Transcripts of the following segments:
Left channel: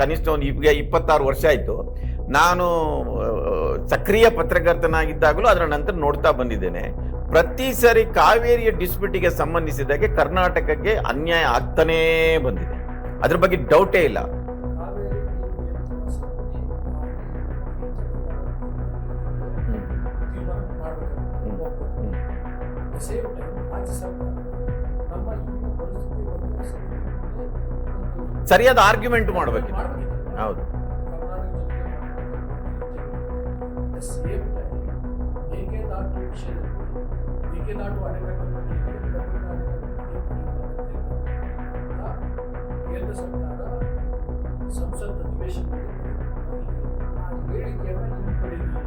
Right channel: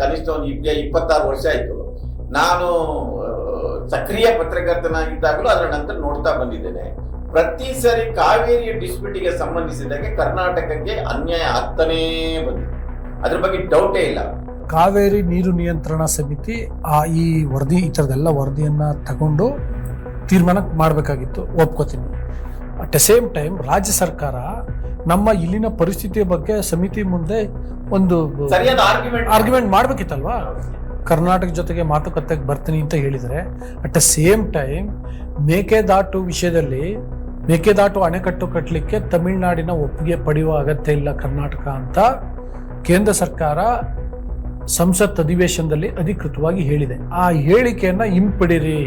ಕನಿಷ್ಠ ಒಂದು ಈಗ 26 ವರ್ಷ ಆಯ್ತು. ನಾನು ಸಕ್ರಿಯ ಪತ್ರಕರ್ತನಾಗಿದ್ದಾಗಲೂ ಅದರ ನಂತರ ನೋಡ್ತಾ ಬಂದಿದ್ದೇನೆ. ಪ್ರತಿ ಸರಿ ಕಾವೇರಿಯ ಡಿಸ್ಪ್ಯೂಟಿಗೆ ಸಂಬಂಧಿಸಿದಾಗೆ ಕರ್ನಾಟಕಕ್ಕೆ ಅನ್ಯಾಯ ಆಗ್ತಾನೇ ಬಂದಿದೆ. ಅದ್ರ ಬಗ್ಗೆ ಡೌಟೇ ಇಲ್ಲ. ಕಾವೇರಿ ನೀರು ನಿಯಂತ್ರಣ ಸಮಿತಿ ಈ ವರದಿ, ಈ ಥರದೆಲ್ಲ ವರದಿಯನ್ನ ತಗೊಂಡು ತೀರ್ಮಾನ ಮಾಡಬೇಕಾಗಿತ್ತು, ಒಪ್ಕೋತೀನಿ. ಅಟ್ ದ ಸೇಮ್ ಟೈಮ್ ರಾಜ್ಯ ಸರ್ಕಾರ ನಮ್ಮ ಇಲ್ಲಿನ ಪರಿಸ್ಥಿತಿಯ ಬಗ್ಗೆ ಸಮಿತಿ ಮುಂದೆ ಒಂದು ಸರಿಯಾದ ಆರ್ಗ್ಯುಮೆಂಟ್ ಮಾಡ್ಬೇಕಿತ್ತಲ್ವಾ. ಕರ್ನಾಟಕ ಜೊತೆಗೆ ಮಾತುಕತೆಗೆ ಬರ್ತೀನಿ ಅಂತ ಹೇಳಿದರೆ, at the same time Mekedatu ವಿಷಯದಲ್ಲಿ ಮೇಕೆದಾಟು ಅಣೆಕಟ್ಟು ಕಟ್ಟಲಿಕ್ಕೆ ತಮಿಳುನಾಡಿನ ಒಪ್ಪಿಗೆ ಪಡೆಯುವ ಅಗತ್ಯ ಇಲ್ಲ ಕರ್ನಾಟಕ ಅಂತ ಕೇಂದ್ರ ಸರ್ಕಾರ ಸಂಸತ್ ಅಧಿವೇಶನದಲ್ಲಿ ಅಧಿಕೃತವಾಗಿ ಹೇಳಿದೆ. ಆ ಹೇಳಿಕೆಯನ್ನ ಹಿಂಪಡಿರಿ,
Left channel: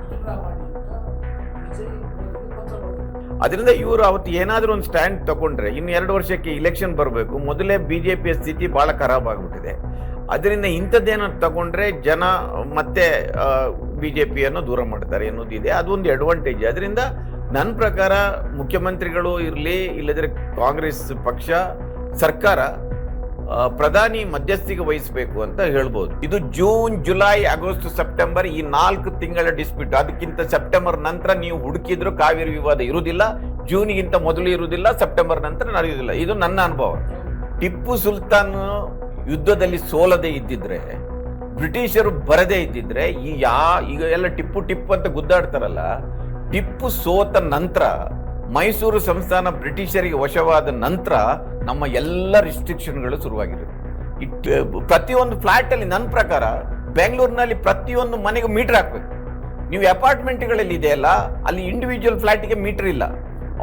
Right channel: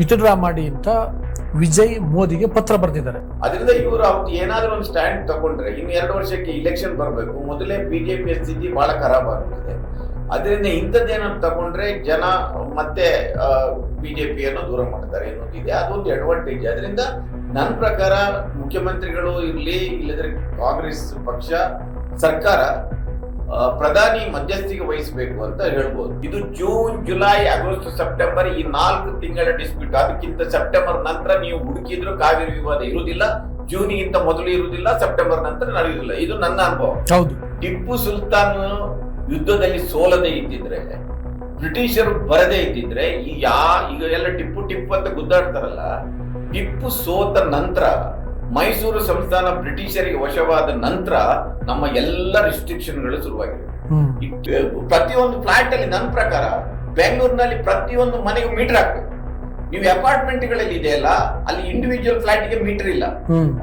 ವಿತ್ಡ್ರಾ ಮಾಡಿ ಅಂತ ವಿಜಯ್ ಮೋದಿಗೆ ಪತ್ರ ಬರೆದಿದ್ದಾರೆ. ಅದರಿಂದ ಇವರು ಅವತ್ತು ಏನಾದ್ರೂ ಒಂದು ಸ್ಟ್ಯಾಂಡ್ ತಗೊಂಡ್ರೆ ಇನ್ನು 2 ವರ್ಷಕ್ಕೆ ಇಲೆಕ್ಷನ್ ಬರಬೇಕು. ಮೊದಲೇ ಬಿಜೆಪಿಯ ಸ್ಥಿತಿ ಬಹಳ ಖರಾಬ್ ಆಗ್ಬಿಟ್ಟಿದೆ. ಅದರಿಂದ ಇಂಥದ್ದೇನೋ ತಗೊಂಡ್ರೆ ಜನ ಮತ್ತೆ ಬಿಜೆಪಿಯನ್ನು ದೂರ ಮಾಡ್ತಾರೆ ಅನ್ನೋದಿದೆ. ಅದೊಂದು ಅಡ್ವಾಂಟೇಜ್. ಅದರಿಂದ ನನ್ನ ಪ್ರಕಾರ ಮುಖ್ಯಮಂತ್ರಿಗಳು ಇರಲಿ, ಇಲ್ಲದ್ರೆ ಕಾಂಗ್ರೆಸ್ ಪಕ್ಷ ಸರ್ಕಾರ ಪ್ರಧಾನಿ ಮಧ್ಯಸ್ಥಿಕೆ ವಹಿಸಬೇಕು ಅಂತ ಹೇಳ್ಬೋದು. ಇದು ಜೂನ್, ಜುಲೈ, ಆಗಸ್ಟ್, ಸೆಪ್ಟೆಂಬರ್ ಈ 4 ತಿಂಗಳ ಡಿಸ್ಪ್ಯೂಟ್. ಅದಕ್ಕಿಂತ ಸೆಪ್ಟೆಂಬರ್ ನಂತರ ನೀವು ಹುಡುಕಿದ್ರು ಕಾವೇರಿ ವಿವಾದ ಇರುವುದಿಲ್ಲ. ಜೂನ್ಗಿಂತ ಮೊದಲು ಇರುವುದಿಲ್ಲ, ಸೆಪ್ಟೆಂಬರ್ ನಂತರ ನಡೆಯುವುದಿಲ್ಲ. ಇದು ನನ್ನ ಅನುಭವ. ಹೌದು. ಟಿಪ್ಪು ಸುಲ್ತಾನ್ ಯುದ್ಧದಲ್ಲಿ ಸೋಲದೆ ಇದ್ದಿದ್ರೆ, ಬ್ರಿಟಿಷರು ಬರದೇ ಇದ್ದಿದ್ರೆ, ಈಗ ಎಲ್ಲ ಟಿಪ್ಪು ಅಂತ ಗುದ್ದಾಡ್ತಾರಲ್ಲ, ಟಿಪ್ಪು ಸೋತ ನಂತರ ಮೈಸೂರು ಸಂಸ್ಥಾನ ಬ್ರಿಟಿಷರಿಗೆ ವಶವಾದ ನಂತರ ನಮ್ಮ ಎಲ್ಲ ರಿಸ್ಟ್ರಿಕ್ಷನ್ಗಳು ಶುರುವಾಗಿವೆ. ಪ್ರತಿಯೊಂದು ಫ್ಲಾಟ್ ಅಲ್ಲಿ ನನ್ನ ಪ್ರಕಾರ ಬೆಂಗಳೂರಿನಲ್ಲಿ ಪ್ರತಿಯೊಂದು ಮನೆಗೆ ಮೀಟರ್ ಹಾಕ್ಬೇಕು. ನೀವು ಅಪಾರ್ಟ್ಮೆಂಟ್ಗಳಲ್ಲಿ ಇದೆಯಲ್ಲ, ಅಲ್ಲಿ ಇಂಡಿವಿಜುವಲ್ ಫ್ಲಾಟ್ಗೆ ಮೀಟರ್ ಇಲ್ಲ.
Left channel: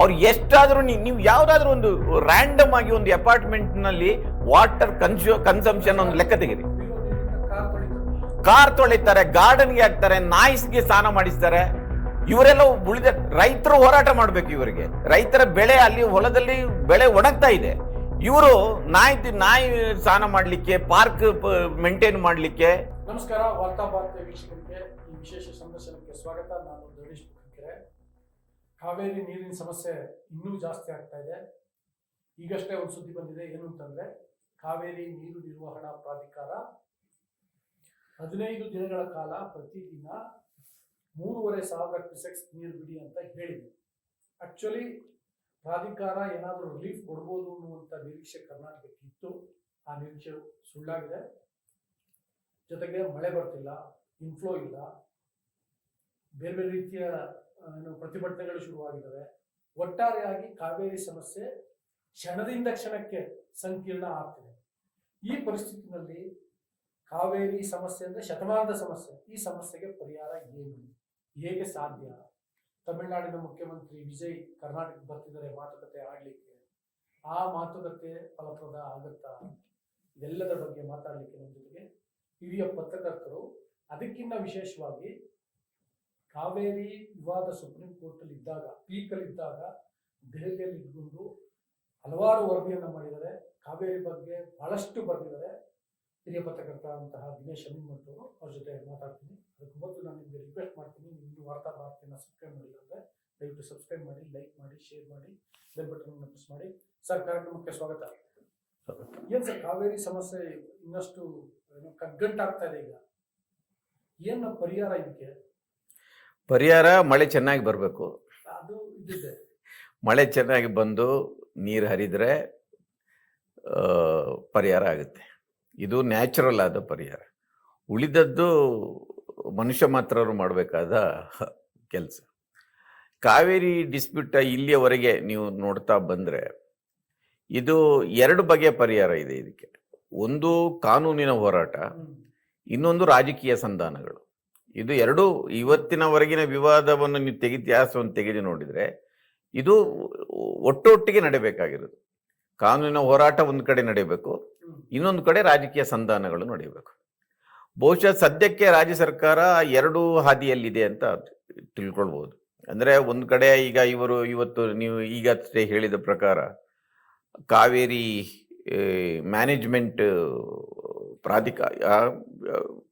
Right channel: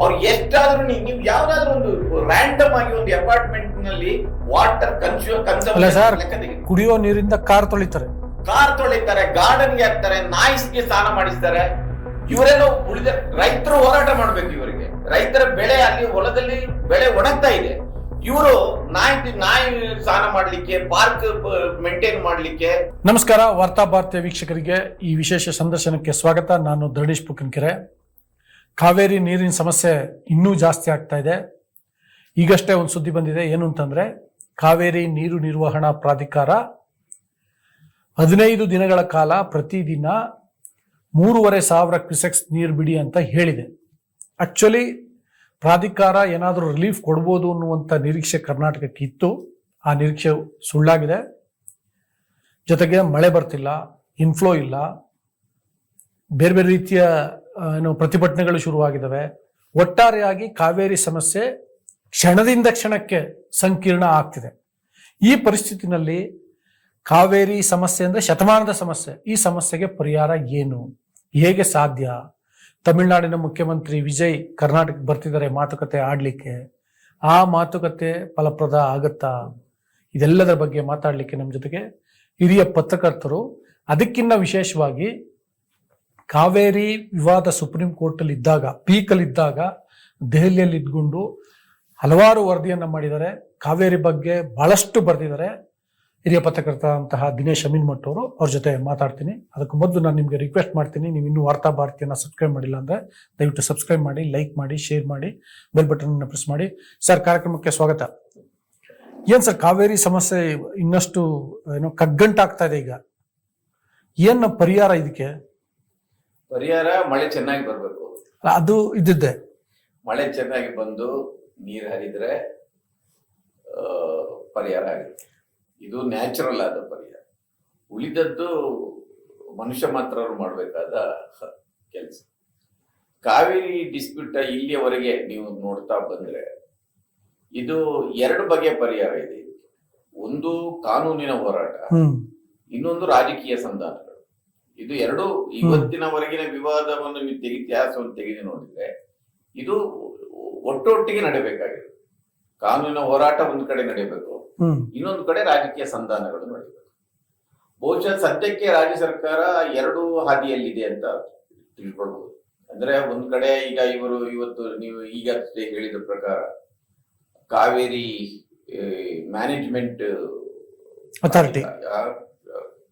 ಅವ್ರು ಎಷ್ಟಾದ್ರೂ ನೀವು ಯಾವ್ದಾದ್ರು ಒಂದು ರ್ಯಾಂಡಮ್ ಆಗಿ ಒಂದು ಅಪಾರ್ಟ್ಮೆಂಟ್ ನಲ್ಲಿ ವಾಟರ್ ಕನ್ಸಂಪ್ಷನ್ ಲೆಕ್ಕ ತೆಗೆದು, ಕುಡಿಯೋ ನೀರಿಂದ ಕಾರ್ ತೊಳಿತಾರೆ, ಗಾರ್ಡನ್ಗೆ ಹಾಕ್ತಾರೆ, ನಾಯಿಸ್ಗೆ ಸ್ನಾನ ಮಾಡಿಸ್ತಾರೆ. ಇವರೆಲ್ಲ ಉಳಿದ ರೈತರು ಹೋರಾಟ ಮಾಡ್ಬೇಕು. ಇವರಿಗೆ ರೈತರ ಬೆಳೆ ಅಲ್ಲಿ ಹೊಲದಲ್ಲಿ ಬೆಳೆ ಒಣಗ್ತಾ ಇದೆ. ಇವರು ನಾಯಿ ಸ್ನಾನ ಮಾಡ್ಲಿಕ್ಕೆ, ಪಾರ್ಕ್ ಮೇಂಟೈನ್ ಮಾಡ್ಲಿಕ್ಕೆ. ನಮಸ್ಕಾರ, ವಾರ್ತಾ ಭಾರತೀಯ ವೀಕ್ಷಕರಿಗೆ ಈ ವಿಶೇಷ ಸಂದರ್ಶನಕ್ಕೆ ಸ್ವಾಗತ. ನಾನು ಧರಣೇಶ್ ಪುಕ್ಕನಕೆರೆ. ಕಾವೇರಿ ನೀರಿನ ಸಮಸ್ಯೆ ಇನ್ನೂ ಜಾಸ್ತಿ ಆಗ್ತಾ ಇದೆ. ಈಗಷ್ಟೇ ಒಂದು ಸುದ್ದಿ ಬಂದಿದೆ. ಏನು ಅಂತಂದ್ರೆ, ಕಾವೇರಿ ನೀರು ನಿರ್ವಹಣಾ ಪ್ರಾಧಿಕಾರ 15 ದಿನಗಳ ಕಾಲ ಪ್ರತಿದಿನ 3,500 ಕ್ಯೂಸೆಕ್ಸ್ ನೀರು ಬಿಡಿ ಅಂತ ಹೇಳಿದೆ. ಆಕ್ಚುಲಿ ಪ್ರಾಧಿಕಾರ ಏನಾದರೂ ರಿಲೀಫ್ ಕೊಡ್ಬೋದು ಅನ್ನುವಂಥ ನಿರೀಕ್ಷೆ ಕರ್ನಾಟಕಕ್ಕೆ ಇತ್ತು. ಆ ನಿರೀಕ್ಷೆ ಸುಳ್ಳಾಗಿದೆ. ಜೊತೆಗೆ ಮಳೆ ಬರ್ತಿಲ್ಲ, ಇನ್ಫ್ಲೋ ಇಲ್ಲ, ಬೇರೆ ಬೇರೆ ರೀತಿಯ ಪ್ರತಿಭಟನೆಗಳು ಶುರುವಾಗಿದ್ದಾವೆ. ಒಟ್ಟಾರೆಯಾಗಿ ಕಾವೇರಿ ಸಮಸ್ಯೆ ಕ್ಷಣದಿಂದ ಕ್ಷಣಕ್ಕೆ ಸಂಕೀರ್ಣ ಆಗ್ತಿದೆ. ಈ ಪರಿಸ್ಥಿತಿನಲ್ಲಿ ಕಾವೇರಿ ಸಮಸ್ಯೆ ಅಂದರೆ ಶತಮಾನದ ಸಮಸ್ಯೆ. ಈ ಸಮಸ್ಯೆಗೆ ಪರಿಹಾರ ಏನು, ಹೇಗೆ ಸಾಧ್ಯ? ತಮಿಳುನಾಡಿನ ಮುಖ್ಯಮಂತ್ರಿ ವಿಜಯ್ ಕರ್ನಾಟಕಕ್ಕೆ ಬರ್ತಿದ್ದಾರೆ ಮಾತುಕತೆ ಆಡಲಿಕ್ಕೆ. ಆ ಮಾತುಕತೆ ಫಲಪ್ರದ ಆಗುತ್ತಾ? ಇದೆಲ್ಲದರ ಬಗ್ಗೆ ಮಾತಾಡಲಿಕ್ಕೆ ನಮ್ಮ ಜೊತೆಗೆ ಹಿರಿಯ ಪತ್ರಕರ್ತರು, ಅದಕ್ಕಿಂತ ವಿಶೇಷವಾಗಿ ಕಾವೇರಿ ವಿವಾದ ಸುಪ್ರೀಂ ಕೋರ್ಟಲ್ಲಿ ಇದ್ದಾಗ, ಪೀಕಲ್ಲಿದ್ದಾಗ ದೆಹಲಿಯಲ್ಲಿ ಇದ್ಕೊಂಡು ಹಲವಾರು ವರದಿಯನ್ನು ಮಾಡಿದ್ದಾರೆ. ಕಾವೇರಿ ಬಗ್ಗೆ ಬಹಳಷ್ಟು ಬರೆದಿದ್ದಾರೆ. ಹಿರಿಯ ಪತ್ರಕರ್ತರಂತಹ ದಿನೇಶ್ ಅಮೀನ್ಮಠ್ ಅವರು, ಅವ್ರ ಜೊತೆ ಮಾತಾಡ್ತೀನಿ. ಅದಕ್ಕೆ ಮೊದಲು ನಾನು ನಿಮಗೆ ರಿಕ್ವೆಸ್ಟ್ ಮಾಡ್ತೀನಿ, ನೀವು ಇನ್ನೂ ವಾರ್ತಾ ಭಾರತಿಯನ್ನು ಸಬ್ಸ್ಕ್ರೈಬ್ ಮಾಡಿಲ್ಲ ಅಂದರೆ ದಯವಿಟ್ಟು ಸಬ್ಸ್ಕ್ರೈಬ್ ಮಾಡಿ, ಲೈಕ್ ಮಾಡಿ, ಶೇರ್ ಮಾಡಿ, ಬೆಲ್ ಬಟನ್ ಪ್ರೆಸ್ ಮಾಡಿ. ಸರ್, ಕಾರ್ಯಕ್ರಮಕ್ಕೆ ಸ್ವಾಗತ. ಏನು ಸರ್, ಕಾವೇರಿ ಸಮಸ್ಯೆ ಇನ್ನಷ್ಟು ಕಗ್ಗಂಟಾಗ್ತಾ ಇದೆ. ಈಗ ಏನು ಪರಿಹಾರ ಇದಕ್ಕೆ? ಪರಿಹಾರ ಮಳೆ ಚೆನ್ನಾಗಿ ಬರಬೇಕು. ಅದು ಇದ್ದಿದ್ದೆ. ಮಳೆ ಚೆನ್ನಾಗಿ ಬಂದು ನೀರು ಹರಿದ್ರೆ ಪರಿಹಾರ ಆಗುತ್ತೆ. ಇದು ನ್ಯಾಚುರಲ್ ಆದ ಪರಿಹಾರ. ಉಳಿದದ್ದು ಮನುಷ್ಯ ಮಾತ್ರ ಮಾಡಬೇಕಾದ ಕೆಲಸ. ಕಾವೇರಿ ಡಿಸ್ಪ್ಯೂಟ್ ಇಲ್ಲಿಯವರೆಗೆ ನೀವು ನೋಡ್ತಾ ಬಂದರೆ ಇದು 2 ಬಗೆಯ ಪರಿಹಾರ ಇದೆ ಇದಕ್ಕೆ. ಒಂದು ಕಾನೂನಿನ ಹೋರಾಟ, ಇನ್ನೊಂದು ರಾಜಕೀಯ ಸಂಧಾನಗಳು. ಇದು 2 ಇವತ್ತಿನವರೆಗಿನ ವಿವಾದವನ್ನು ನೀವು ಇತಿಹಾಸವನ್ನು ತೆಗೆದು ನೋಡಿದರೆ ಇದು ಒಟ್ಟೊಟ್ಟಿಗೆ ನಡೀಬೇಕಾಗಿರೋದು. ಕಾನೂನಿನ ಹೋರಾಟ ಒಂದು ಕಡೆ ನಡೀಬೇಕು, ಇನ್ನೊಂದು ಕಡೆ ರಾಜಕೀಯ ಸಂಧಾನಗಳು ನಡೀಬೇಕು. ಬಹುಶಃ ಸದ್ಯಕ್ಕೆ ರಾಜ್ಯ ಸರ್ಕಾರ 2 ಹಾದಿಯಲ್ಲಿದೆ ಅಂತ ತಿಳ್ಕೊಳ್ಬಹುದು. ಅಂದ್ರೆ ಒಂದು ಕಡೆ ಈಗ ಇವತ್ತು ನೀವು ಈಗಷ್ಟೇ ಹೇಳಿದ ಪ್ರಕಾರ ಕಾವೇರಿ ಮ್ಯಾನೇಜ್ಮೆಂಟ್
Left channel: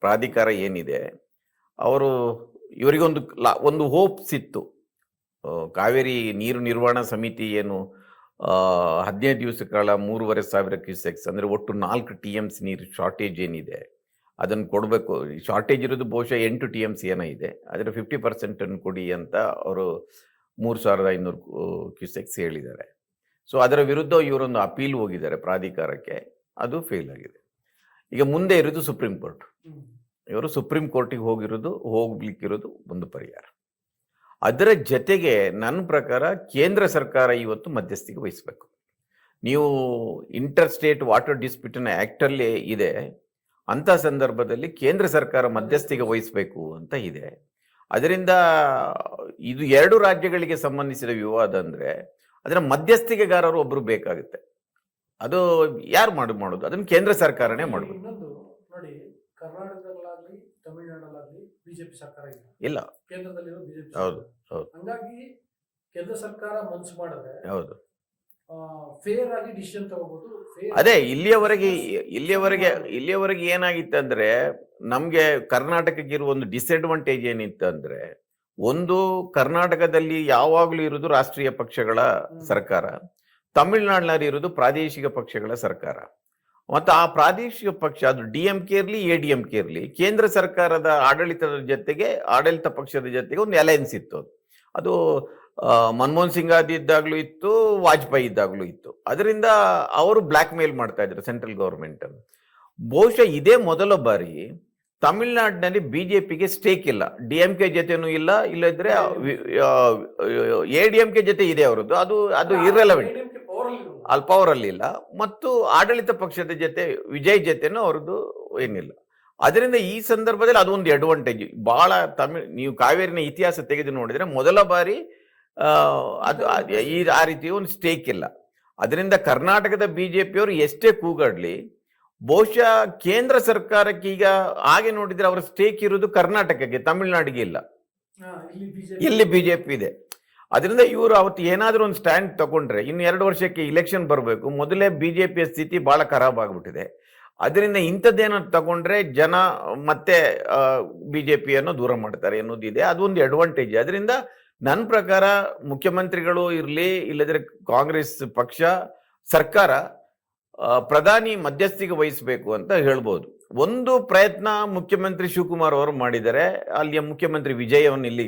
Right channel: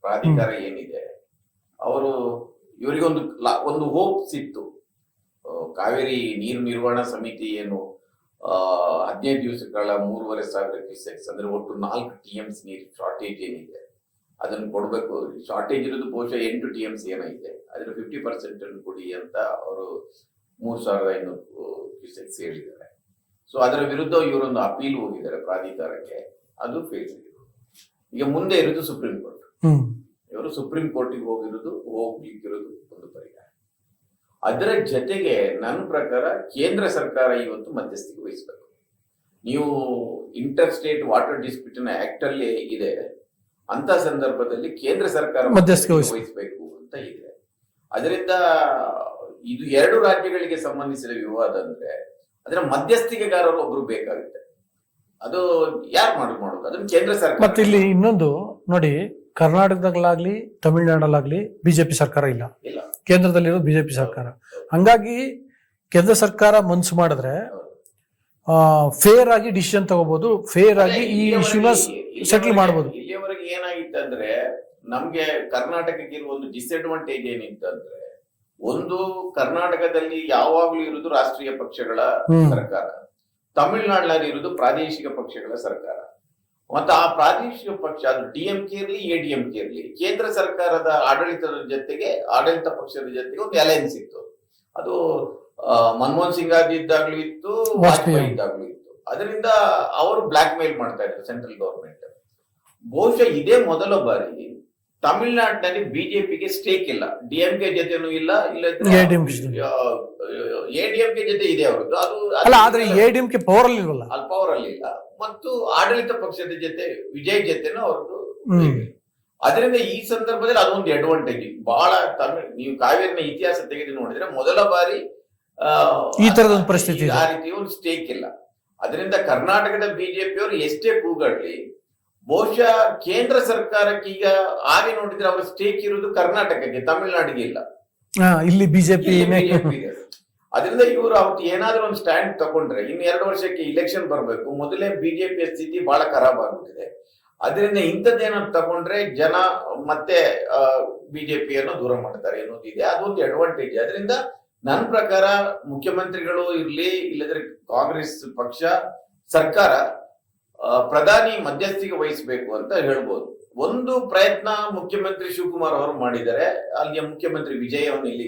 ಪ್ರಾಧಿಕಾರ ಏನಿದೆ, ಇವರಿಗೊಂದು ಹೋಪ್ಸ್ ಇತ್ತು. ಕಾವೇರಿ ನೀರು ನಿರ್ವಹಣಾ ಸಮಿತಿ ಏನು 15 ದಿವಸಗಳ 3,500 ಕ್ಯೂಸೆಕ್ಸ್ ಅಂದರೆ ಒಟ್ಟು 4 TMC ನೀರು ಶಾರ್ಟೇಜ್ ಏನಿದೆ ಅದನ್ನು ಕೊಡಬೇಕು. ಶಾರ್ಟೇಜ್ ಇರೋದು ಬಹುಶಃ 8 TMC ಏನೋ ಇದೆ, ಅದರ 50% ಕೊಡಿ ಅಂತ ಅವರು 3,500 ಕ್ಯೂಸೆಕ್ಸ್ ಹೇಳಿದ್ದಾರೆ. ಸೊ ಅದರ ವಿರುದ್ಧ ಇವರೊಂದು ಅಪೀಲ್ ಹೋಗಿದ್ದಾರೆ ಪ್ರಾಧಿಕಾರಕ್ಕೆ, ಅದು ಫೇಲ್ ಆಗಿದೆ. ಈಗ ಮುಂದೆ ಇರೋದು ಸುಪ್ರೀಂ ಕೋರ್ಟ್. ಇವರು ಸುಪ್ರೀಂ ಕೋರ್ಟಿಗೆ ಹೋಗ್ಲಿಕ್ಕಿರೋದು ಒಂದು ಪರಿಹಾರ. ಅದರ ಜೊತೆಗೆ ನನ್ನ ಪ್ರಕಾರ ಕೇಂದ್ರ ಸರ್ಕಾರ ಇವತ್ತು ಮಧ್ಯಸ್ಥಿಕೆ ವಹಿಸಬೇಕು. ನೀವು inter state water dispute act ಅಲ್ಲಿ ಇದೆ, ಅಂತ ಸಂದರ್ಭದಲ್ಲಿ ಕೇಂದ್ರ ಸರ್ಕಾರ ಮಧ್ಯಸ್ಥಿಕೆ ವಹಿಸಬೇಕು ಅಂತ ಇದೆ. ಅದರಿಂದ ಇದು 2 ರಾಜ್ಯಗಳಿಗೆ ಸಂಬಂಧಿಸಿದ ವಿವಾದ ಅಂದ್ರೆ ಅದರ ಮಧ್ಯಸ್ಥಿಕೆಗಾರರು ಒಬ್ರು ಬೇಕಾಗುತ್ತೆ. ಅದು ಯಾರು ಮಾಡೋದು? ಅದನ್ನ ಕೇಂದ್ರ ಸರ್ಕಾರ. ಇಲ್ಲಿ ಇನ್ನೊಂದು ನೋಡಿ, ಕರ್ನಾಟಕದಲ್ಲಾಗ್ಲಿ ತಮಿಳುನಾಡಲ್ಲಾಗ್ಲಿ ಬಿಜೆಪಿ ಸರ್ಕಾರ ಇಲ್ಲ, ಕೇಂದ್ರದಲ್ಲಿರೋ ಬಿಜೆಪಿ ಸರ್ಕಾರ. ಹಂಗಾಗಿ ಕೇಂದ್ರ ಸರ್ಕಾರ ಮನ್ಸು ಮಾಡಿದ್ರೆ ಫೇರ್ ಆಗಿ ಡಿಸಿಷನ್ ತಗೋಬಹುದು, ಫೇರ್ ಆಗಿ ಇಲ್ಲಿಯವರೆಗೆ ಏನಾಗಿತ್ತು ಅಂದ್ರೆ, ನಮ್ಗೆ ಕರ್ನಾಟಕಕ್ಕೆ ಇರುವ ಒಂದು ಡಿಸ್ಅಡ್ವಾಂಟೇಜ್ ಏನಿತ್ತು ಅಂದ್ರೆ, ಒಂದು ಕರ್ನಾಟಕದಲ್ಲಿ ಯಾವಾಗ್ಲೂ ಇರುವುದು ರಾಷ್ಟ್ರೀಯ ಪಕ್ಷಗಳ ಸರ್ಕಾರ, ತಮಿಳುನಾಡಿನಲ್ಲಿ ಇರುವುದು ಪ್ರಾದೇಶಿಕ ಪಕ್ಷಗಳ ಸರ್ಕಾರ. ಮತ್ತು ಆ ಪ್ರಾದೇಶಿಕ ಪಕ್ಷ ಅದು DMK ಇರಲಿ ADMK ಇರಲಿ, ಕೇಂದ್ರ ಸರ್ಕಾರದ ಆಡಳಿತ ಪಕ್ಷದ ಜೊತೆಗೆ ಒಂದು ಅಲಯನ್ಸ್ ಇತ್ತು. ಅದು ಮನಮೋಹನ್ ಸಿಂಗ್ ಇದ್ದಾಗ್ಲೂ ಇತ್ತು, ವಾಜಪೇಯಿ ಇದ್ದಾಗ್ಲೂ ಇತ್ತು. ಅದರಿಂದ ಅವರು ಬ್ಲಾಕ್ ಮೇಲ್ ಮಾಡ್ತಾ ಇದ್ರು ಸೆಂಟ್ರಲ್ ಗವರ್ಮೆಂಟ್. ಬಹುಶಃ ಇದೇ ಮೊದಲ ಬಾರಿ ತಮಿಳುನಾಡಿನಲ್ಲಿ ಬಿಜೆಪಿಗೆ ಸ್ಟೇಕ್ ಇಲ್ಲ, DMK ಜೊತೆನೂ ಇಲ್ಲದ್ರೆ ADMK ಜೊತೆ ಇದೆ ಅವರದ್ದು. ಅದು ಪವರ್ ಅಲ್ಲಿ ಇಲ್ಲ. ಮತ್ತು ಆಡಳಿತ ಪಕ್ಷದ ಜೊತೆ ವಿಜಯ್ ಜೊತೆನೂ ಅವ್ರದ್ದು ಇಲ್ಲ. ಅದರಿಂದ ಈ ಸಂದರ್ಭದಲ್ಲಿ ಅದೊಂದು ಅಡ್ವಾಂಟೇಜ್ ಬಹಳ. ನೀವು ಕಾವೇರಿನ ಇತಿಹಾಸ ತೆಗೆದು ನೋಡಿದ್ರೆ ಮೊದಲ ಬಾರಿ ಆ ರೀತಿ ಒಂದು ಸ್ಟೇಕ್ ಇಲ್ಲ. ಅದರಿಂದ ಕರ್ನಾಟಕದ ಬಿಜೆಪಿಯವರು ಎಷ್ಟೇ ಕೂಗಾಡ್ಲಿ, ಬಹುಶಃ ಕೇಂದ್ರ ಸರ್ಕಾರಕ್ಕೆ ಈಗ ಹಾಗೆ ನೋಡಿದ್ರೆ ಅವರ ಸ್ಟೇಕ್ ಇರುವುದು ಕರ್ನಾಟಕಕ್ಕೆ, ತಮಿಳುನಾಡಿಗೆ ಇಲ್ಲ. ಇಲ್ಲಿ ಬಿಜೆಪಿ ಇದೆ. ಅದರಿಂದ ಇವರು ಅವತ್ತು ಏನಾದ್ರೂ ಒಂದು ಸ್ಟ್ಯಾಂಡ್ ತಗೊಂಡ್ರೆ, ಇನ್ನು 2 ವರ್ಷಕ್ಕೆ ಇಲೆಕ್ಷನ್ ಬರಬೇಕು, ಮೊದಲೇ ಬಿಜೆಪಿಯ ಸ್ಥಿತಿ ಬಹಳ ಖರಾಬ್ ಆಗ್ಬಿಟ್ಟಿದೆ. ಅದರಿಂದ ಇಂಥದ್ದೇನಾದ್ರು ತಗೊಂಡ್ರೆ ಜನ ಮತ್ತೆ ಬಿಜೆಪಿಯನ್ನು ದೂರ ಮಾಡ್ತಾರೆ ಅನ್ನೋದಿದೆ. ಅದೊಂದು ಅಡ್ವಾಂಟೇಜ್. ಅದರಿಂದ ನನ್ನ ಪ್ರಕಾರ ಮುಖ್ಯಮಂತ್ರಿಗಳು ಇರಲಿ, ಇಲ್ಲದ್ರೆ ಕಾಂಗ್ರೆಸ್ ಪಕ್ಷ ಸರ್ಕಾರ ಪ್ರಧಾನಿ ಮಧ್ಯಸ್ಥಿಕೆ ವಹಿಸಬೇಕು ಅಂತ ಹೇಳ್ಬೋದು. ಒಂದು ಪ್ರಯತ್ನ ಮುಖ್ಯಮಂತ್ರಿ ಶಿವಕುಮಾರ್ ಅವರು ಮಾಡಿದ್ದಾರೆ. ಅಲ್ಲಿಯ ಮುಖ್ಯಮಂತ್ರಿ ವಿಜಯ್ ಅವನ್ನ ಇಲ್ಲಿ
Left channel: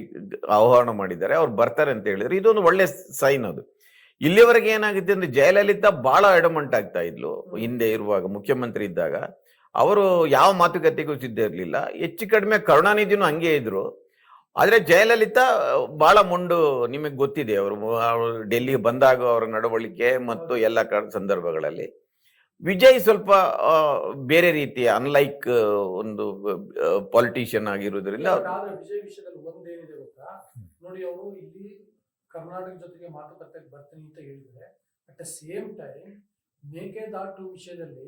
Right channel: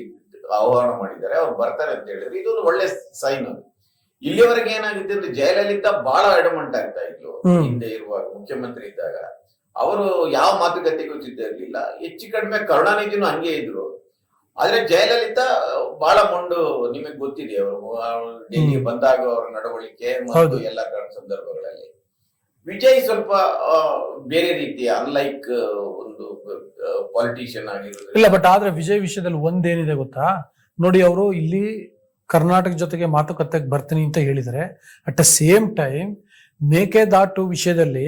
ಆಹ್ವಾನ ಮಾಡಿದ್ದಾರೆ, ಅವ್ರು ಬರ್ತಾರೆ ಅಂತ ಹೇಳಿದ್ರು. ಇದೊಂದು ಒಳ್ಳೆ ಸೈನ್. ಅದು ಇಲ್ಲಿವರೆಗೆ ಏನಾಗಿದೆ ಅಂದ್ರೆ, ಜಯಲಲಿತಾ ಬಹಳ ಅಡಮಂಟ್ ಆಗ್ತಾ ಇದ್ಲು ಹಿಂದೆ ಇರುವಾಗ, ಮುಖ್ಯಮಂತ್ರಿ ಇದ್ದಾಗ. ಅವರು ಯಾವ ಮಾತುಕತೆಗೂ ಸಿದ್ಧ ಇರಲಿಲ್ಲ. ಹೆಚ್ಚು ಕಡಿಮೆ ಕರುಣಾನಿಧಿನೂ ಹಂಗೆ ಇದ್ರು. ಆದ್ರೆ ಜಯಲಲಿತಾ ಬಹಳ ಮೊಂಡು, ನಿಮಗೆ ಗೊತ್ತಿದೆ. ಅವರು ಡೆಲ್ಲಿಗೆ ಬಂದಾಗ ಅವರ ನಡವಳಿಕೆ ಮತ್ತು ಎಲ್ಲ ಸಂದರ್ಭಗಳಲ್ಲಿ. ವಿಜಯ್ ಸ್ವಲ್ಪ ಬೇರೆ ರೀತಿಯ ಅನ್ಲೈಕ್ ಒಂದು ಪಾಲಿಟಿಷಿಯನ್ ಆಗಿರೋದ್ರಿಂದ. ಇಲ್ಲ, ಬಟ್ ಆದ್ರೆ ವಿಜಯ್ ವಿಷಯದಲ್ಲಿ ಒಂದೇನಿದೆ ಗೊತ್ತಾ ನೋಡಿ, ಅವರು ಇಲ್ಲಿ ಕರ್ನಾಟಕ ಜೊತೆಗೆ ಮಾತುಕತೆಗೆ ಬರ್ತೀನಿ ಅಂತ ಹೇಳಿದರೆ, at the same time Mekedatu ವಿಷಯದಲ್ಲಿ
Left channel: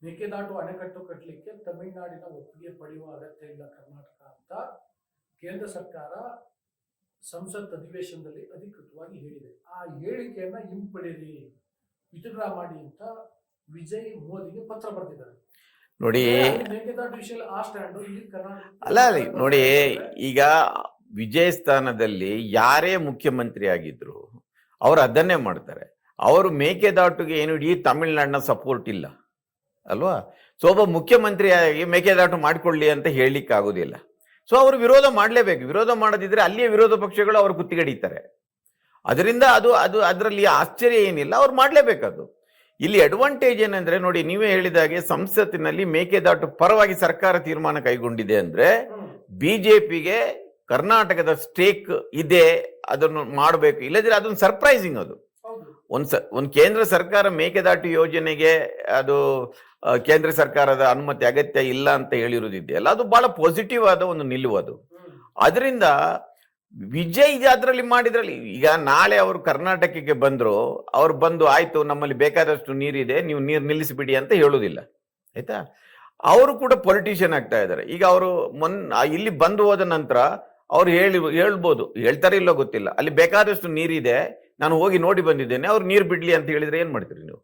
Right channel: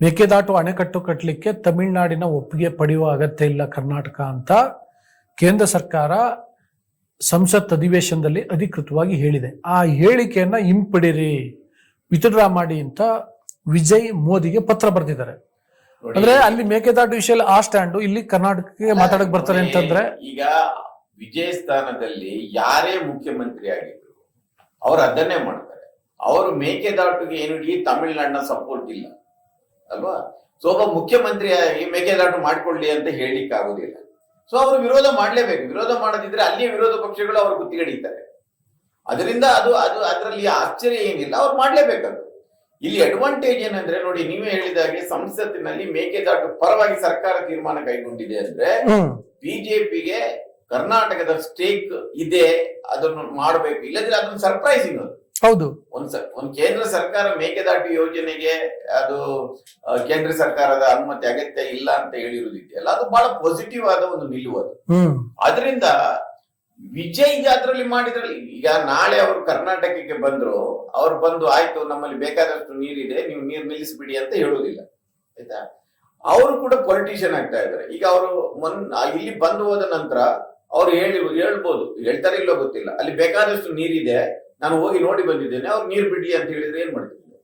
ಮೇಕೆದಾಟು ಅಣೆಕಟ್ಟು ಕಟ್ಟಲಿಕ್ಕೆ ತಮಿಳುನಾಡಿನ ಒಪ್ಪಿಗೆ ಪಡೆಯುವ ಅಗತ್ಯ ಇಲ್ಲ ಕರ್ನಾಟಕ ಅಂತ ಕೇಂದ್ರ ಸರ್ಕಾರ ಸಂಸತ್ ಅಧಿವೇಶನದಲ್ಲಿ ಅಧಿಕೃತವಾಗಿ ಹೇಳಿದೆ. ಆ ಹೇಳಿಕೆಯನ್ನ ಹಿಂಪಡಿರಿ, ವಿತ್ಡ್ರಾ ಮಾಡಿ ಅಂತ ವಿಜಯ್ ಮೋದಿಗೆ ಪತ್ರ ಬರೆದಿದ್ದಾರೆ. ನೋಡಿ, ಅಲ್ಲಿ ಮೇಕೆದಾಟು ವಿಷಯ ಆ ಸ್ಟ್ಯಾಂಡು, ಇಲ್ಲಿ ಕರ್ನಾಟಕಕ್ಕೆ ಮಾತಾಡಕ್ ಬರ್ತಾರೆ ಅಂತಂದ್ರೆ, ಈಗ ವಿಜಯ್ ಸ್ಥಾನದಲ್ಲಿ ಯಾರೇ ಮುಖ್ಯಮಂತ್ರಿ ಆಗಿದ್ರು ಅವ್ರು ಅದನ್ನೇ ಮಾಡ್ತಾರೆ. ಅವರು ಮೇಕೆದಾಟುಗೆ ಏನು ಇಡೀ ತಮಿಳುನಾಡಿನ ಸಪೋರ್ಟ್ ಇಲ್ಲ ಅಲ್ವಾ. ಸೊ ಒಬ್ಬ ಮುಖ್ಯಮಂತ್ರಿಯಾಗಿ ಮೇಕೆದಾಟು ಮಾಡ್ಕೊಳ್ಳಿ ಅಂತ ಹೇಳಲಿಕ್ಕೆ ಆಗುದಿಲ್ಲ. ಸೊ ಅವರು ವಿರೋಧ ಮಾಡಲೇಬೇಕು. ವಿರೋಧ ಮಾಡದಿದ್ರೆ ಅಲ್ಲಿಯ ವಿರೋಧ ಪಕ್ಷಗಳು ಅವರು ಗುತ್ತಿಗಡಿತಾರೆ. ಅದರಿಂದ ಅದರಲ್ಲಿ ಆಶ್ಚರ್ಯ ಏನಿಲ್ಲ, ಅವ್ರು ಮಾಡ್ಲೇಬೇಕದು. ಇಲ್ಲಿ ಅಡ್ವಾಂಟೇಜ್ ಏನಂದ್ರೆ, ನೋಡಿ ನೀವೇ ಹೇಳಿದಾಗೆ ಸಂಸತ್ತಿನಲ್ಲಿ ಮೇಕೆದಾಟು ಪರವಾಗಿ ಸರ್ಕಾರ ತೀರ್ಮಾನ ಕೈಗೊಂಡಿದೆ ಅಂದ್ರೆ ಬಿಜೆಪಿಗೆ ಕರ್ನಾಟಕದ ಸ್ಟೇಕ್ ಇದೆ, ಅದನ್ನು ಮಾಡಬೇಕು. ಇಲ್ಲದ್ರೆ ಅದೊಂದು ಸರ್ಪ್ರೈಸಿಂಗ್. ಅದು ಹೌದು. ಒಂದು ಕೇಂದ್ರ ಸರ್ಕಾರ ಮೇಕೆದಾಟು ಯೋಜನೆಗೆ ಅದು ಕೇಂದ್ರ ಸರ್ಕಾರದ ಅನುಮತಿ ಅಗತ್ಯ ಇಲ್ಲ ಅಂತ ಹೇಳಿರುವುದಿದೆಯಲ್ಲ, ಅದು ಬಹಳ ಪಾಸಿಟಿವ್ ಆದ ಒಂದು ನಿಲುವು ಅದು. ಅದರಿಂದ ವಿಜಯ್ ಅದರಲ್ಲಿ ಮಾಡಿದ್ರಲ್ಲಿ, ಈಗ ನಾಳೆ ಅವರು ಕರ್ನಾಟಕಕ್ಕೆ ಬಂದ್ರು, ಅವ್ರು ಬಂದು ಆಯ್ತು ನಮ್ಮಲ್ಲಿ ಬೇಕಾದಷ್ಟು ನೀರಿದೆ, ನೀವು ನೀರು ನಿಲ್ಲಿಸಿಬಿಡಿ ಅಂತ ಹೇಳುವುದಿಲ್ಲ, ಆಯ್ತಾ. ಅವರು ಕೂಡ ಪೊಲಿಟಿಷಿಯನ್ ಆಗ್ತಾ ಇದ್ದಾರೆ. ಈಗ ಅವರು ಇಲ್ಲಿ ಬಂದು ಹೋದ ನಂತರ ಅವ್ರು ಹೇಳ್ಬೋದು, ಹೇಳ್ತಾರೆ ಇಲ್ಲೋ ಗೊತ್ತಿಲ್ಲ, ಅಲ್ಲಿ ಬೇಕಾದಷ್ಟು ನೀರಿದೆ, ನಾನು ಹೋಗಿ ನೋಡಿ ಬಂದಿದ್ದೇನೆ, ಅವ್ರು ನೀರು ಬಿಡ್ಲಿ ಅಂತ ಹೇಳಿದ್ರೆ ಏನ್ ಮಾಡ್ತೀರಿ ನೀವು?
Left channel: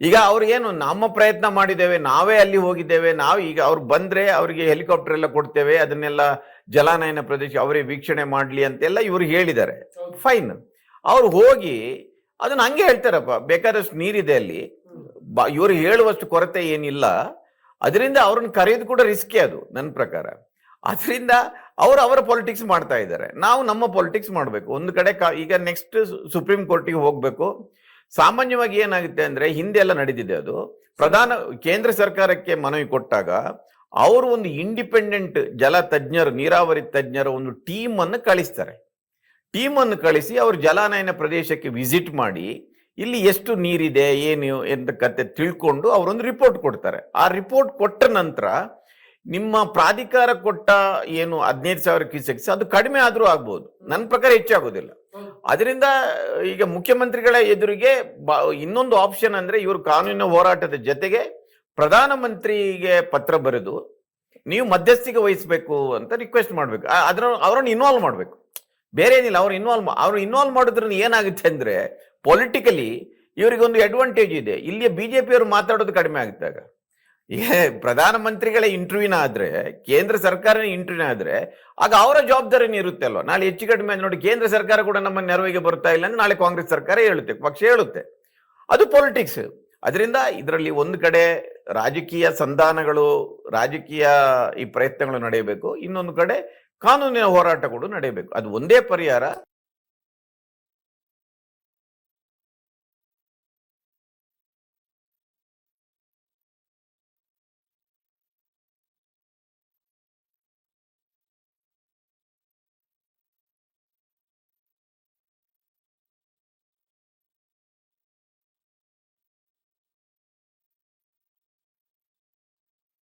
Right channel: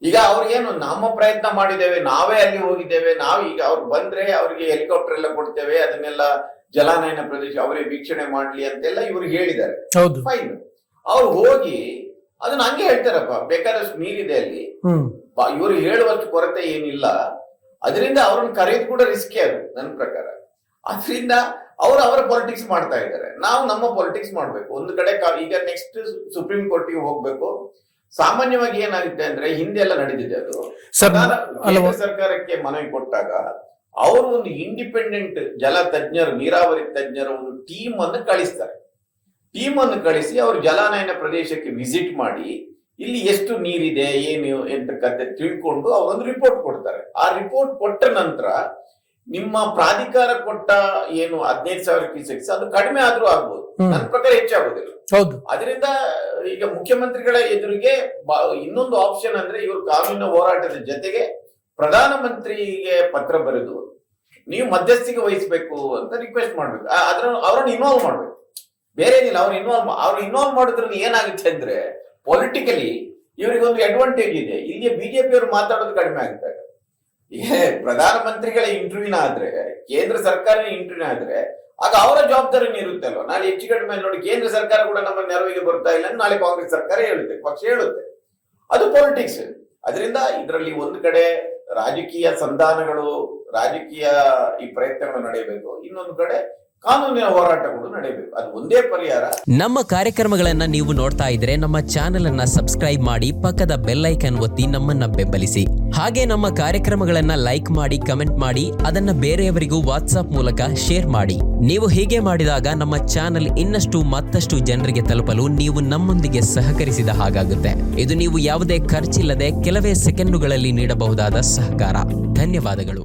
ಈಗ ಅವ್ರಿಗೇನು, ನಮ್ಮ ಪ್ರಯತ್ನ ಮಾಡಿದ್ದೇವೆ, ನಾವೇ ಅಲ್ಲಿ ಹೋಗಿದ್ದೇವೆ, ನಾವು ಈಗ ಅವ್ರು ಬಂದ್ರೆ ಅವ್ರಿಗೆ ಹೆಲಿಕಾಪ್ಟರ್ ಎಲ್ಲ ಕೊಡ್ತೇವೆ, ಅದನ್ನೆಲ್ಲ ಜಲಾನಯನ ಪ್ರದೇಶ ಅವರೇ ವೀಕ್ಷಣೆ ಮಾಡ್ಲಿ ಅಂತೆಲ್ಲ ಇವ್ರಿಗೆ ಹೇಳಿದ್ದಾರೆ. ಫೈನ್. ಅವ್ರು ಹೋಗಿ ಅದನ್ನ ಹಂಗೆ ಹೇಳ್ತಾರಪ್ಪ, ಬೇಕಾದಷ್ಟು ನೀರಿದೆ ಅಲ್ಲಿ, ಇವರು ಹೇಳುವಷ್ಟು ಕೊರತೆ ಏನಿಲ್ಲ, ಅದರಿಂದ ಅವ್ರನ್ನ ಕರೆಯೋದು ಕೂಡ ರಿಸ್ಕಿ ಅದು ನನ್ನ ಪ್ರಕಾರ. ಅದರಿಂದ ಅವರು ಅವರ ಪಾಲಿಟಿಕ್ಸ್ ಮಾಡ್ತಾ ಇದ್ದಾರೆ, ನಾವು ನಮ್ಮ ಪಾಲಿಟಿಕ್ಸ್ ಮಾಡಬೇಕು. ಒಂದು ಕಡೆ ಈಗ ನೆಕ್ಸ್ಟ್ ಸುಪ್ರೀಂ ಕೋರ್ಟಿಗೆ ಹೋಗ್ಬೇಕು. ಸಾಮಾನ್ಯವಾಗಿ ಏನಾಗುತ್ತೆ ಅಂದ್ರೆ, ಹಿಂದೆ ಎಲ್ಲ ನಡೆದಿದೆ ಅದು, ಕೇಂದ್ರ ಸರ್ಕಾರಕ್ಕೆ ಮನವಿ ಕೊಟ್ಟಾಗ ಅವರು ಒಂದು ಇಂಡಿಪೆಂಡೆಂಟ್ ಜಲ ತಜ್ಞರು, ನೀರಾವರಿ ತಜ್ಞರು ಒಂದು ಟೀಮ್ ಅನ್ನು ಕಳಿಸ್ತಾರೆ. ಟೀಮ್ ಅನ್ನು ಕಳಿಸಿ ಅವರು ಜಲಾನಯನ ಪ್ರದೇಶಕ್ಕೆ ವಿಸಿಟ್ ಮಾಡಿ ಇಲ್ಲಿ ಎಷ್ಟು ನೀರಿದೆ ಏನು ಎಂತ ಕತೆ ತಿಳ್ಕೊಂಡು ಅವರೊಂದು ರಿಪೋರ್ಟ್ ಕೊಡ್ತಾರೆ. ಆ ರಿಪೋರ್ಟ್ ಕೊಟ್ಟ ನಂತರ ನಿಮ್ಮ ಪ್ರಾಧಿಕಾರ ಕೊಟ್ಟ ಏನು 15,000 ಕ್ಯೂಸೆಕ್ಸ್ ಅದು ಕಡಿಮೆ ಆದ್ರೂ ಆಗ್ಬೋದು, ನನ್ನ ಪ್ರಕಾರ ಹೆಚ್ಚಾಗೋದಿಲ್ಲ. ಅದರಿಂದ ಈಗ ಮುಖ್ಯಮಂತ್ರಿಗಳ ಎದುರಿಗೆ ಇನ್ನೊಂದು ಆಪ್ಷನ್ ಅಂದ್ರೆ, ಇವರು ಕಾನೂನಿನ ಹೋರಾಟದ ಜೊತೆಗೆ ಪ್ರಧಾನಮಂತ್ರಿಗೆ ಪತ್ರ ಬರೆದು ನೀವು ಮಧ್ಯಸ್ಥಿಕೆ ವಹಿಸಬೇಕು ಅಂತ ರಿಕ್ವೆಸ್ಟ್ ಮಾಡ್ಬೇಕು. ಅವ್ರನ್ನ ಇನ್ವಾಲ್ವ್ ಮಾಡ್ಬೇಕು, ಬೇರೆ ಏನಿಲ್ಲ. ಅವ್ರು ಇನ್ವಾಲ್ವ್ ಮಾಡೋದ್ರಿಂದ ಏನಾಗುತ್ತೆ ಅಂದ್ರೆ, ಪೊಲಿಟಿಕಲಿ ಇವರಿಗೊಂದು ಅಡ್ವಾಂಟೇಜ್ ಇದೆ. ಇಲ್ಲಿ ಬಿಜೆಪಿ ಅವರು ಮಾತಾಡೋದು ಕಡಿಮೆ ಆಗಿದ್ದಾಗ, ಈಗ ಪ್ರಧಾನಮಂತ್ರಿಗಳ ಇಂಟರ್ವ್ಯೂನ ಆದ್ರೆ, ಕೇಂದ್ರ ಸರ್ಕಾರ ಇಂಟರ್ವ್ಯೂನ ಆದ್ರೆ, ಆಗ ಅವರ ಜವಾಬ್ದಾರಿನೇ ಇರುತ್ತೆ ಅಲ್ವಾ. ನಾಳೆ ಹೆಚ್ಚು ಕಡಿಮೆ ನೋಡಿ ಕೇಂದ್ರ ಸರ್ಕಾರ ಕೂಡ ನಮ್ಮ ನೆರವಿಗೆ ಬರ್ತಾ ಇಲ್ಲ, ನಾಳೆ ಕಾಂಗ್ರೆಸ್ ಸರ್ಕಾರ ಹೇಳುತ್ತೆ, ಪಕ್ಷ ಹೇಳುತ್ತೆ, ಅದು ಪೊಲಿಟಿಕ್ಸ್. ಅದರಿಂದ ಇದರಲ್ಲಿ ಒಂದು ಕಡೆ ರಾಜಕೀಯ ಸಂಧಾನಗಳು, ರಾಜಕೀಯ ಈ ಪ್ರಯತ್ನಗಳು ನಡೆಯಬೇಕು, ಇನ್ನೊಂದು ಕಡೆ ಕಾನೂನಿನ ಹೋರಾಟಗಳು ನಡೆಯಬೇಕು. ಅದು ಒಂದೇ ಪರಿಹಾರ. ನಮ್ಮ ಕಾರ್ಯಕ್ರಮಗಳನ್ನ ನೀವು ನೋಡ್ತಾ ಇದ್ರೆ ನಮ್ಮ ಚಾನೆಲ್ ಅನ್ನ ಸಬ್ಸ್ಕ್ರೈಬ್ ಮಾಡಿ, ಪಕ್ಕದ ಬೆಲ್ ಐಕನ್ ಒತ್ತಿ ನಮ್ಮನ್ನ ಬೆಂಬಲಿಸಿ. ಹಾಗೆ ನಮ್ಮ ಕಾರ್ಯಕ್ರಮಗಳನ್ನ ಲೈಕ್ ಮಾಡಿ, ಕಮೆಂಟ್ ಮಾಡಿ, ಅದನ್ನ ಬೇರೆಯವರಿಗೂ ವಾಟ್ಸ್ಆಪ್ ಮೂಲಕ ಶೇರ್ ಮಾಡಿ. ನೀವು ಹೀಗೆ ಮಾಡಿದಾಗ ನಮ್ಮ ಚಾನೆಲ್ ಇನ್ನಷ್ಟು ಮತ್ತಷ್ಟು ಜನರಿಗೆ ತಲುಪಲು ನೀವು ನಮ್ಮೊಂದಿಗೆ ಸಹಕರಿಸಿದ ಹಾಗಾಗುತ್ತೆ. ಇದು ನೀವು ಯಾವುದೇ ಖರ್ಚಿಲ್ಲದೆ ಕೆಲವೇ ಸೆಕೆಂಡುಗಳಲ್ಲಿ ನೀಡಬಹುದಾದ ಸಹಕಾರ. ಧನ್ಯವಾದಗಳು.